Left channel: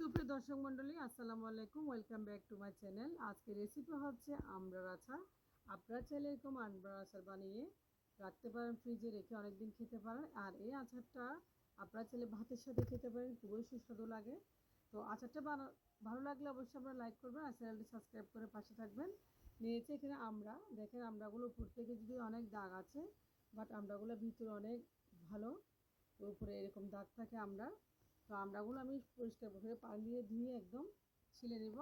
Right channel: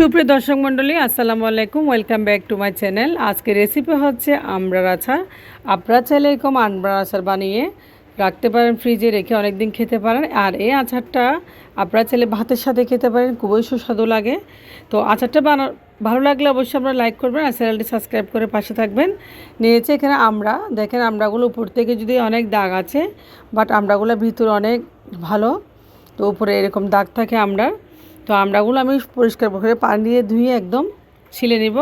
সুপ্রিয় দর্শক মণ্ডলী, আসসালামু আলাইকুম। Welcome back to my channel আজকে রেসিপি হচ্ছে আমড়ার আচার। আপনারা চাইলে এরকম আমড়ার আচার বানিয়ে রাখতে পারেন ফ্রিজে রেখে অনেক দিন খেতে পারেন। আর এই আচারটা আপনারা চাইলে ভাতের সাথে খেতে পারেন, খুবই সুস্বাদু লাগে। তো আচারটা বানা, ভালো লাগলে অবশ্যই আপনারা লাইক করবেন আর চ্যানেলটি সাবস্ক্রাইব করে পাশে থাকবেন। নিয়েছে এখানে আমরা। দেখেন আমড়াগুলো উপর থেকে যদি অনেক দাগ আছে বাট আমড়াগুলো ভিতর অনেক ভালো, তো উপরে এরকম দাগ থাকে আমরা তো আমড়াগুলো আমি পরিষ্কার করে পানি দিয়ে ধুয়ে একদম ছিলে নিব।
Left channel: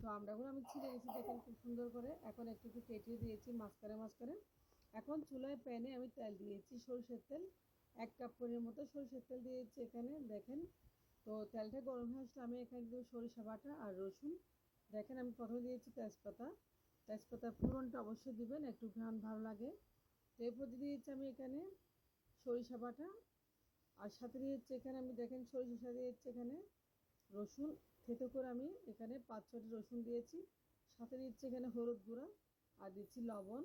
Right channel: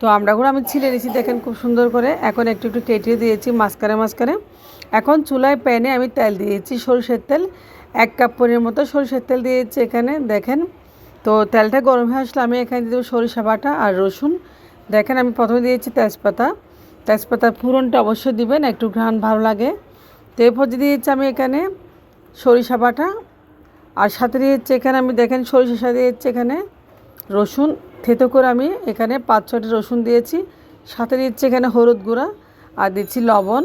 তো আমড়াগুলো আমি ছিলে নিয়েছি, দেখেন খুব সুন্দর করে। এখন একটু একটু কেটে দিয়েছি মাঝখানে মাঝখানে। এখন চুলায় প্যানে আমি তেল দিয়েছি সরষের তেল। এক কাপ পনির মতো সরষের তেল দিয়েছি এখানে, দেখেন। তো তেলটা গরম হয়ে আসলে আমি এখানে দিয়ে দেবো সরিষা বাটা আর রসুন। দেখেন আমি প্রথমে দিয়েছি তেজপাতা। তেজপাতার ফুরনটা অবশ্যই দিবেন, একটু ঘ্রাণ ভালো লাগে। তো এরপর দিয়েছি আমি এখানে সরিষা বাটা। আর সাথে দিয়েছি এখানে আমি দেখেন সরিষার সাথে দিয়েছি এখানে রসুন, থেতো করে আমি এখানে পাঁচ ছটি রসুন দিয়েছি। সাথে দিচ্ছি এখানে হলুদ গুঁড়া আর দিচ্ছি লবণ।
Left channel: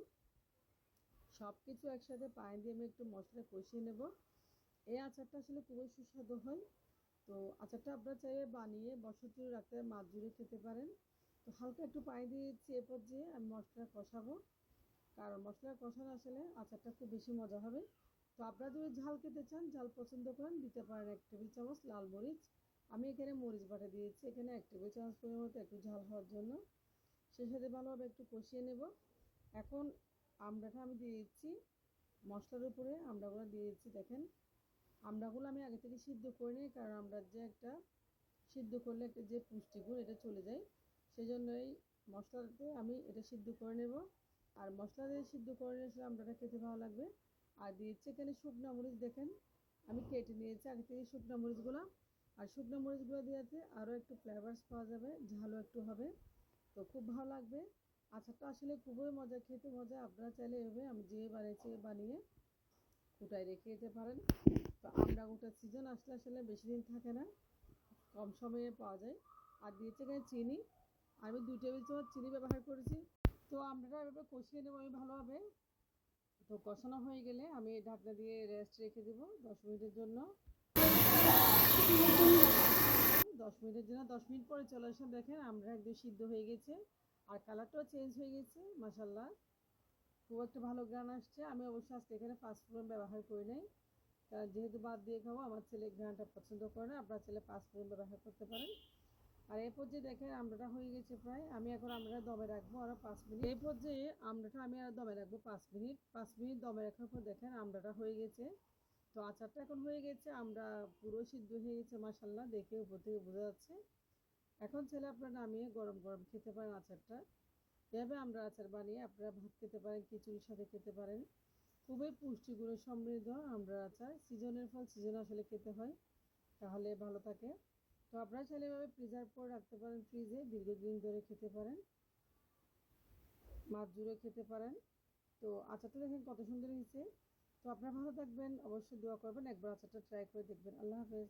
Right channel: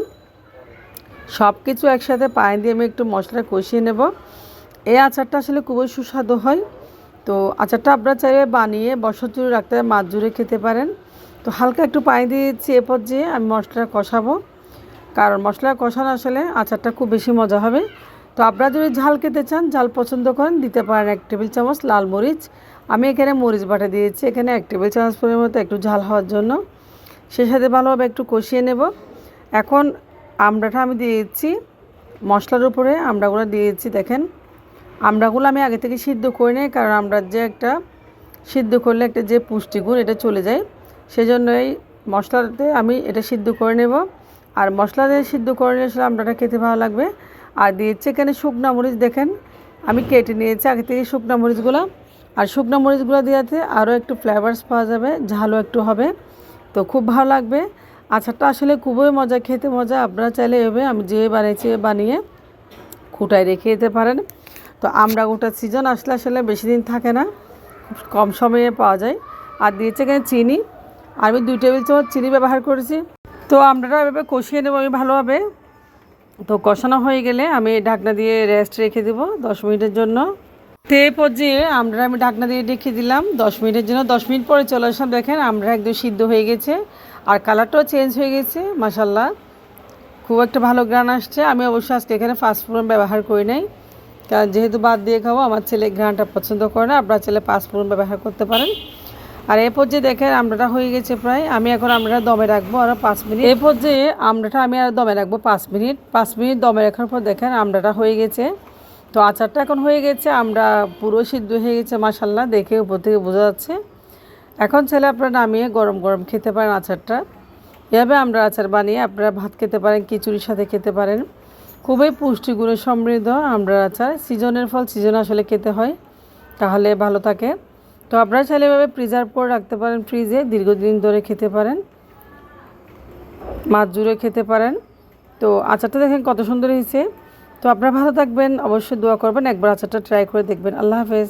সব কিছু একসাথে পায়ে দিয়ে আমি একটু মশলা কষিয়ে নেব। এই আচারটা আসলে খুবই সুস্বাদু হয়। তো আচারটা আপনারা চাইলে বানিয়ে বছর জুড়ে রাখতে মাছ জুড়ে খেতে পারেন। তো হালকা একটু পানি দিয়েছি এ পর্যায়ে আমি মশলাটা কষাবো। কারণ মশলা কষানো আসলে আচারটা খুব বেশি মজা হবে। তো আপনারা যদি ঝাল খেতে চান, ঝাল পছন্দ করেন, দিতে পারেন এক টেবিল চামচ লাল মরিচ। আমি এখানে মরিচ বাটা দিয়েছি, এখানে এক টেবিল চামচ পরিমাণ মতো একটু ঝাল হওয়ার জন্য। সে সাথে ভালোভাবে একটু কষিয়ে নেব। এখন আমড়াটা আমি দিয়েছি, মশলার উপরে আমড়াগুলো দিয়েছি, দেখেন। আমড়াগুলো আমি আগে থেকে সিদ্ধ করে নিই, কারণ আমড়ার যে একটা সিদ্ধ করলে একটা যে পুষ্টিগুণ, এটা চলে যায়। সেজন্য এই মশলাতে আমি এটা সিদ্ধ করে নেব। আর মশলা দিয়ে সিদ্ধ করে আসলে আমড়াটা খেতে ভালো লাগবে। আর দিয়েছি এখানে শুকনা মরিচ, দেখেন। আমি কেটে নিয়েছি আগে থেকে শুকনা মরিচগুলো। আর শুকনা মরিচগুলো দেওয়াতে আরও একটু ফ্লেভারস পাওয়া যাবে, ঝালও একটু হবে। তো খুব ভালো লাগবে। আচারটা আসলে খুবই মজা, খেতে মজা। আপনারা চাইলে এভাবে আমি যে বানিয়েছি বানিয়ে খুঁটায় রেখে দিতে পারেন। তো আমরা গোটা সিজন আসলে আসলে বেশি দিন থাকে না কম সময়ে পাওয়া যায়। আর দিয়েছে এখানে চিনি। আমি দুই টেবিল চামচ চিনি ব্যবহার করেছি। তো আমরা এভাবে কষিয়ে নেব আমি ভালোভাবে। তো কষানো হয়ে গেলে আমি ঢাকনা দিয়ে রেস্ট রেখে দেবো দশ মিনিটের জন্য। তে পর্যায়ে আমরা আমি ঢাকনা দিয়ে রেখে দিলাম দশ মিনিটের জন্য। দশ মিনিট পরে চলে আসলাম, দেখেন আমরা একদম সিদ্ধ হয়ে গেছে। আর কালারটাও চেঞ্জ হয়ে গেছে মাসাল্লাহ খুব একটা ভালো গ্রান আসছে। আমি অবশ্যই আজকে এখানে ফাস্টফুডন ব্যবহার করি নাই। কারণ যেহেতু বাদ দিয়ে খাব, আমার ছেলে গ্রানটা পছন্দ করে না, আপনার ছেলে ফাস্টফুডন ব্যবহার করতে পারেন। আর এ যে দেখেন আমড়াটা হয়ে গেছে প্রায়, আমি এখন আমড়াটা দমে রাখব আরও পাঁচ মিনিট। এ যে আমড়াটা আমি আর দমে রাখব পাঁচ মিনিট। পাঁচ মিনিট দমে রাখার পর দেখেন আমড়াটা হয়ে গেছে। তো আচারটা এখন হয়ে গেছে আমরা পুরো সিদ্ধ হয়ে গেছে মাসাল্লাহ দেখে উপর থেকে বোঝা যাচ্ছে। এখন ছেলে আপনারা নামিয়ে গরম গরম খেতে পারেন আচারটা। এভাবে আমরা আচার বানিয়ে আপনারা ভাত খেতে পারেন, খিচুড়ির সাথে খেতে পারেন। খুবই পুষ্টিগুণে সমৃদ্ধ আমরা আচার। সিজনের ফল সিজন আসলে খেতে হয়। তাহলে ভালো থাকে। তো আপনারা চাইলে এভাবে প্রিজার্ভ করে রাখতে পারেন ফ্রিজে দীর্ঘদিন ধরে খেতে পারেন, মাছ জুড়ে খেতে পারেন। তো আচারটা দেখেন কত সুন্দর হয়েছে। তো আপনারা ভালো থাকবেন, অবশ্যই দোয়া করবেন, একবার আচারটা ট্রাই করে দেখবেন। আল্লাহ হাফেজ।